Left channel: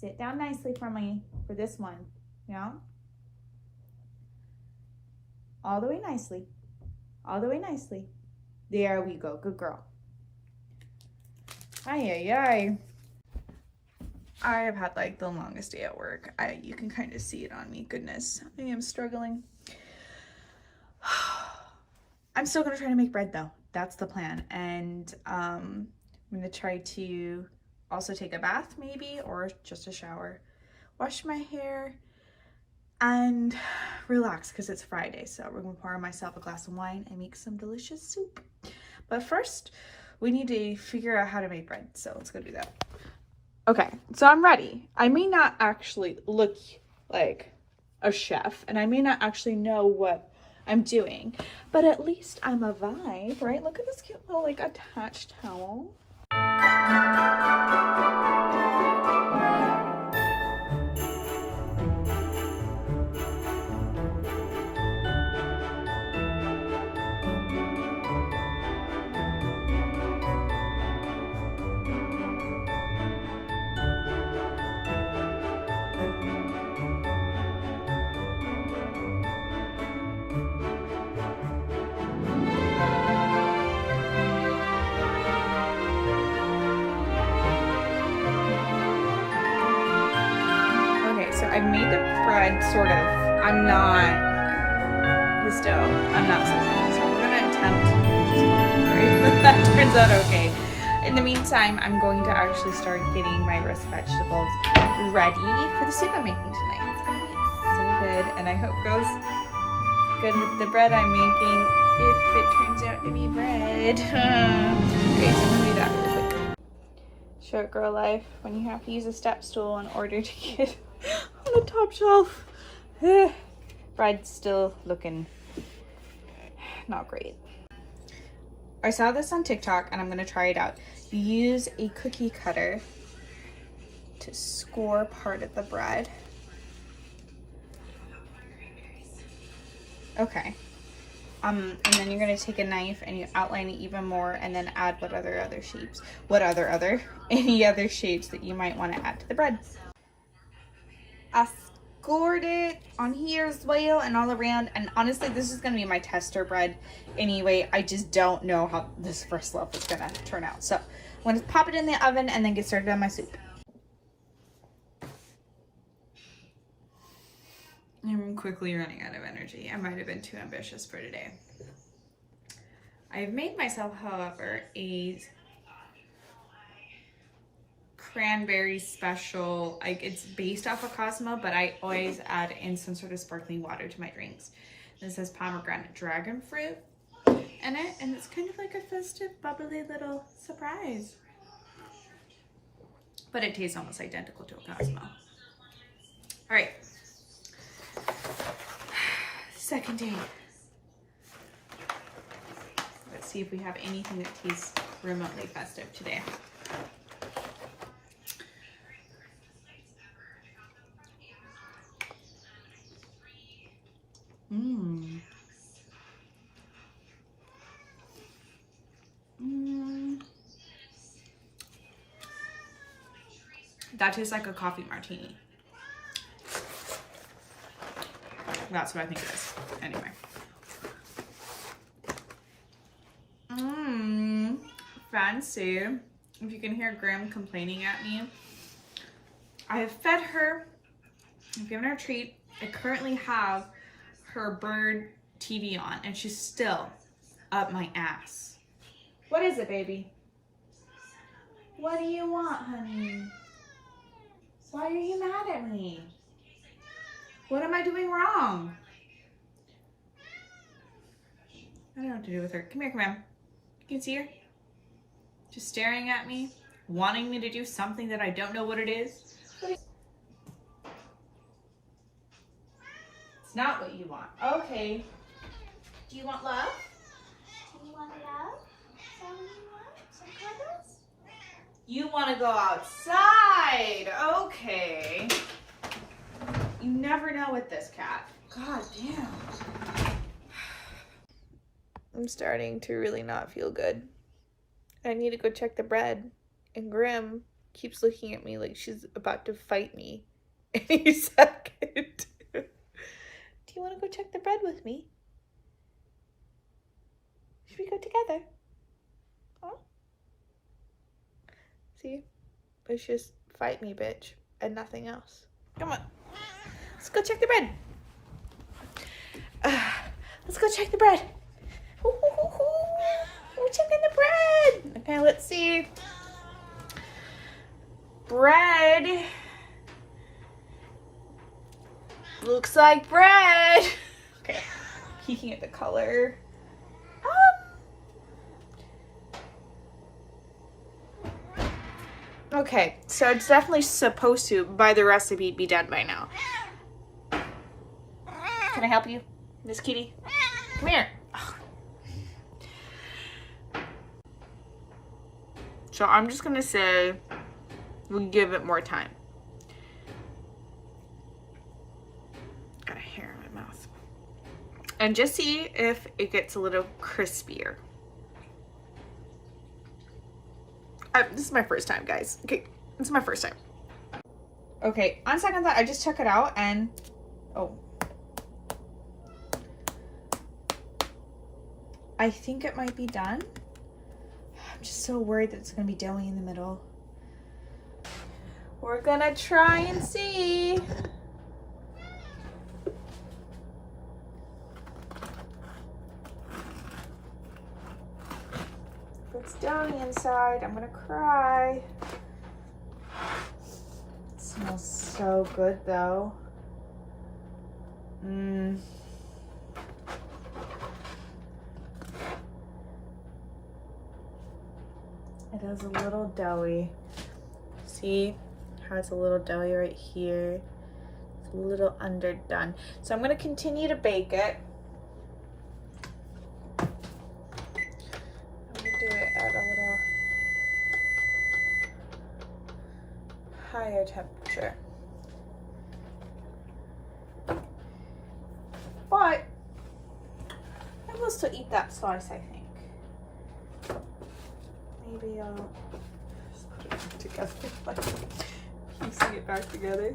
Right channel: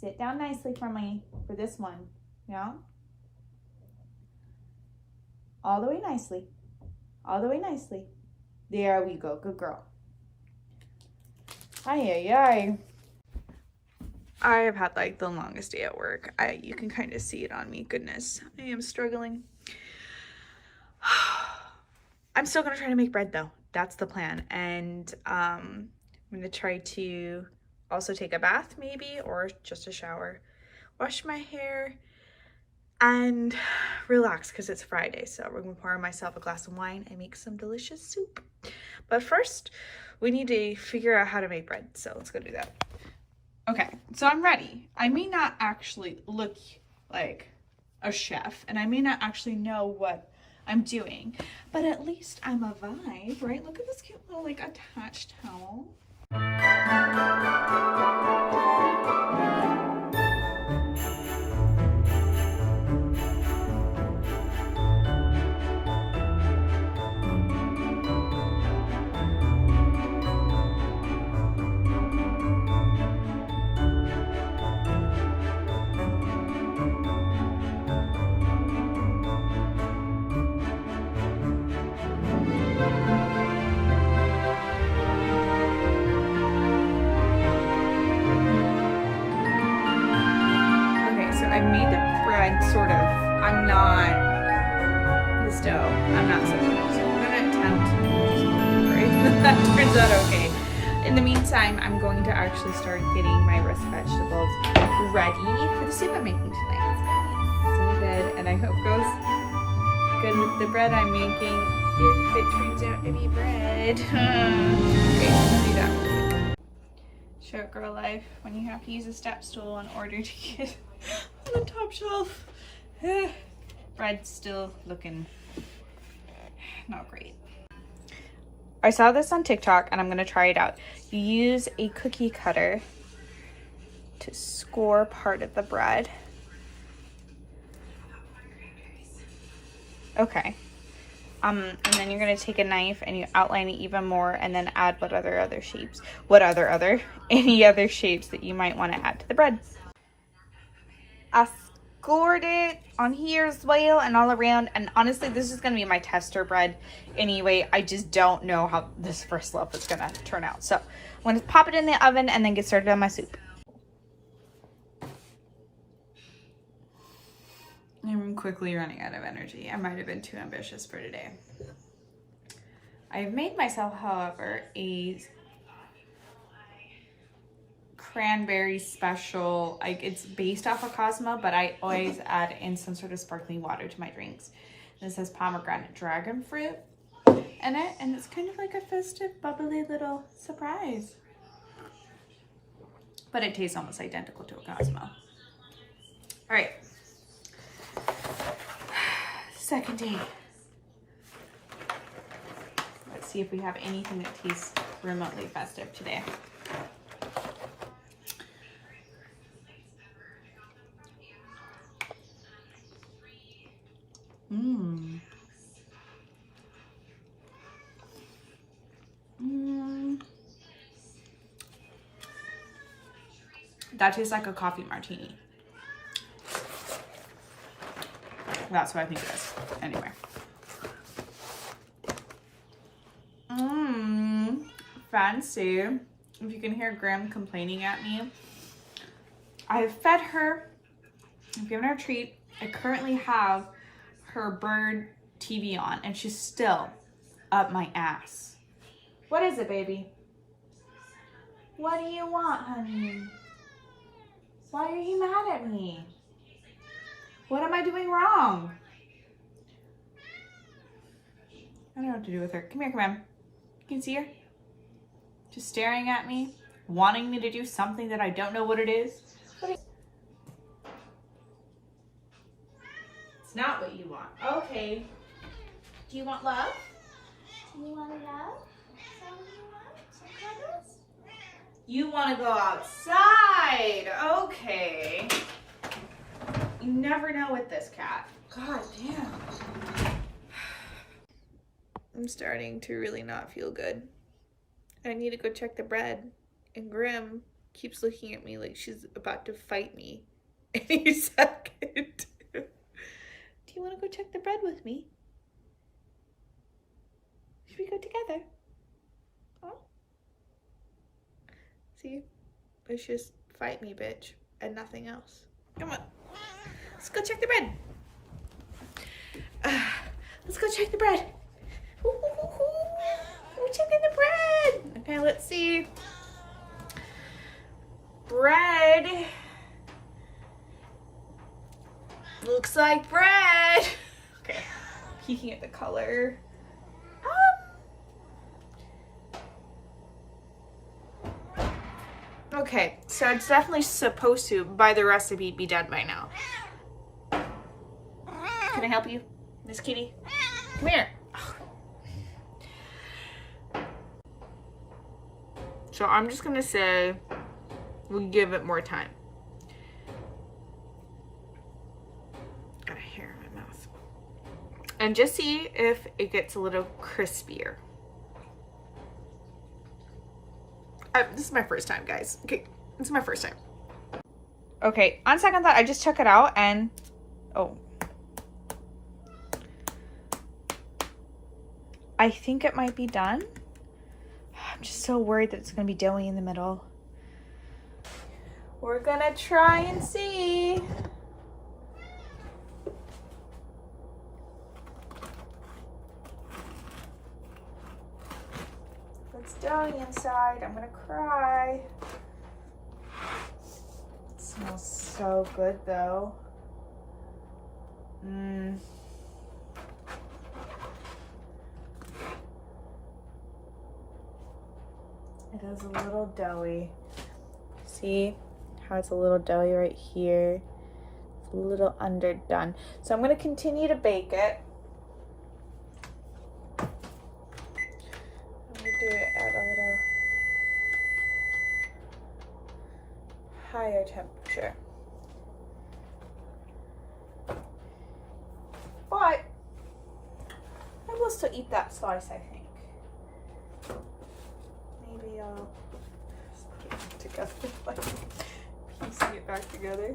Sit down nicely for me, for this one. Yeah? All the way nicely. All the way nicely. There we go. Good girl. Ay, ay, ay. I have had like the longest day at work. You can kind of see it on me. Goodness, I am struggling. I'm still gonna try to make bread though. That's the plan. And I'm gonna try to also take a bath maybe, or just a shower, wash my hair, and relax because it's Friday. So we're gonna pour myself a glass of wine and make some delicious soup. But first, we need to figure out how to make bread. So let's go do that. Okay, so I'm ready. I may not actually look like a chef, and I may not actually know what I'm doing, but at least I'm a vibe, right? Look at this cute little like attached towel. So I made the bread, sort of. I'm not this dough. I'm not such a, so we're gonna attempt. That turns out okay. In the meantime, I'm going to actually start getting my roast vegetables ready for the soup I'm making tonight. It's gonna be so good, and I hope it goes good with the bread I'm making. If it turns out to be bread. Great, I'm gonna do that really quick. Short girl life when you have to use a step stool in order to get on the top shelf. Bread's still looking not great. I saw this on TikTok and I'm gonna try it out. You use a cookie cutter to score part of the bread. Okay. And then you're gonna take a knife and you outline it even more and then add any other shapes that you might want to add to the bread. I scored it on here as well and all around, and honestly this is gonna be my tester bread anyway. I just don't know how this first loaf is gonna turn out, so I'm gonna pop it in the oven and then get started on my soup. I'm quickly running out of energy. I might have been too ambitious for today. I have made myself, however, a cranberry special. It's based off of Cosmo, but I always add in some sort of sparkling water to my drinks. This has pomegranate dragon fruit in it, and it's kind of like a festive, bubbly little surprise. But it tastes almost identical to a Cosmo. All right. Second day. Let's see if we have anything that tastes remotely festive today. That tastes like a coffee martini. That's what I think it is. Anyway. Fancy. If you can hear Graham complaining at me. I have fed her. I've given her a treat. I currently have her bird TV on and she's still up my ass. What is it, baby? What do you want, honey? Why are you mad at me? What am I doing wrong? I don't know what to do with her. Come here, come on. You can see her? Just staring at me, wanting me to do something that I don't know what it is. It's not what you want. Okay. Do you want love? Do you want love? Is that what you want? Some cuddles? You want to go outside. Okay. You never know with this cat. God damn. I'm starting to really not feel good. I need to go check the bread. And Grim keeps looking at me like she's about to fight me any second. Do you want to go check the bread with me? Should we go together? Huh? See? It's just fight me, bitch, and nothing else. Come on. Let's go check the bread. Let's go check the bread. We're checking the bread. Okay, let's see. Bread. Looks like bread. Okay, peeking at the color. Okay, so it's definitely supposed to, by the recipe, be done by now. Can I help you, Miss Kitty? Come here. So I'm just gonna say we give it more time. Got a hair in my mouth. And just see if it gets a little crispier. This is my first time, guys. Okay, this is my first time. Okay, on second thought, I just took it out and, oh. I think it might be done. I'm just so worried that it's gonna be doughy in the middle. We're gonna try and see. If it's doughy inside, I'm gonna cry. It smells so good though. It is a little doughy. See how it's a little doughy right here? It's a little underdone. So I'm going to continue to bake it. I'm going to do it at a little higher temperature. But I will still eat that slice, I think. Maybe I'll put it back together, like piecing it back together.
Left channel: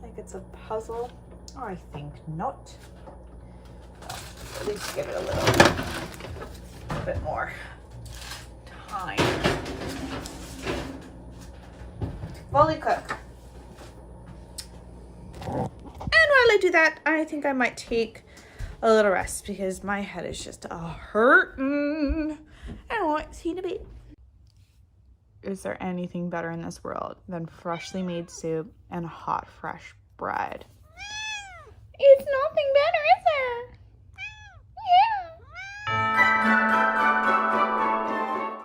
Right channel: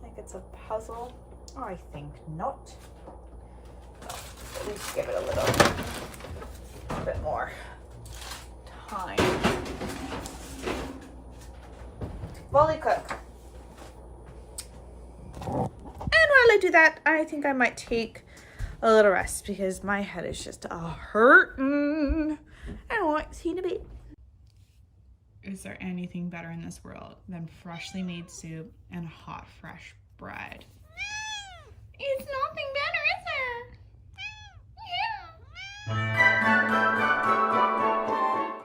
Like it's a puzzle. Oh, I think not. No, at least give it a little bit more time. Fully cook. And while I do that, I think I might take a little rest because my head is just hurting. I want to see in a bit. Is there anything better in this world than freshly made soup and hot, fresh bread?